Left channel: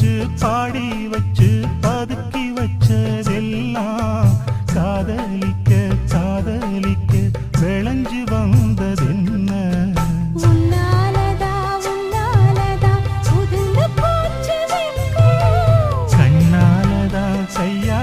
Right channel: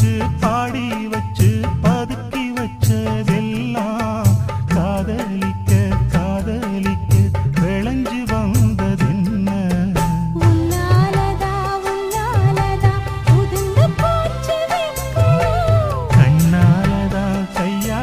வச்சு பாடி வச்சு பதுக்கி வச்சதெல்லாம் காதலிக்க காதலிக்க விளைஞ்சு வந்ததென்ன கண்ணாலதா கையா